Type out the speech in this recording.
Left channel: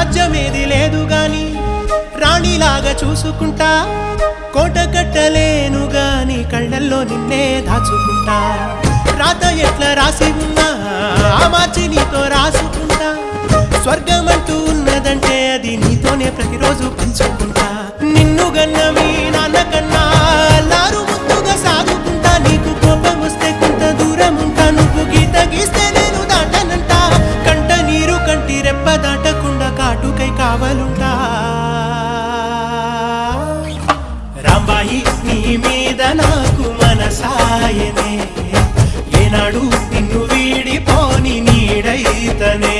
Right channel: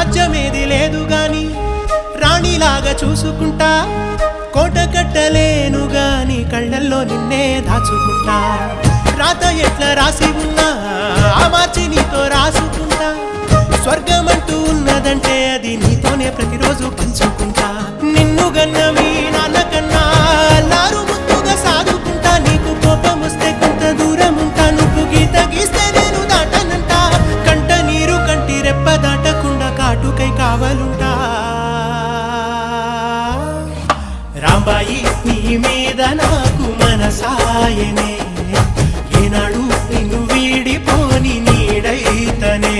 రాజ్యమేది లేదు గాని రాణిలాగా చూసుకుంటా కోట కట్టలేను గాని కళ్ళల్లో నిన్నే దాచుకుంటా రాత ఎట్లా రాసి ఉన్నా ఆ మార్చి నీతో రాసుకుంటా స్వర్గమంటూ ఉన్నదంటే అది నీతోనే ప్రతిరోజు పంచుకుంటా నిన్ను గన్నవి నాన్నకన్నా లారు ముద్దుగా సాదుకుంటా నీకు కోపం వస్తే కొంత దూరం ఉంటా నువ్వు గీత గీస్తే నేను దాటనంట కంట నీరు కంటి రెప్ప దాటకుండా కాటుకై కావలుంటా రాంబాయి నీ మీద నాకు మనసాయనే ఏనాడు నిన్ను వీడిపోని నీడైతనే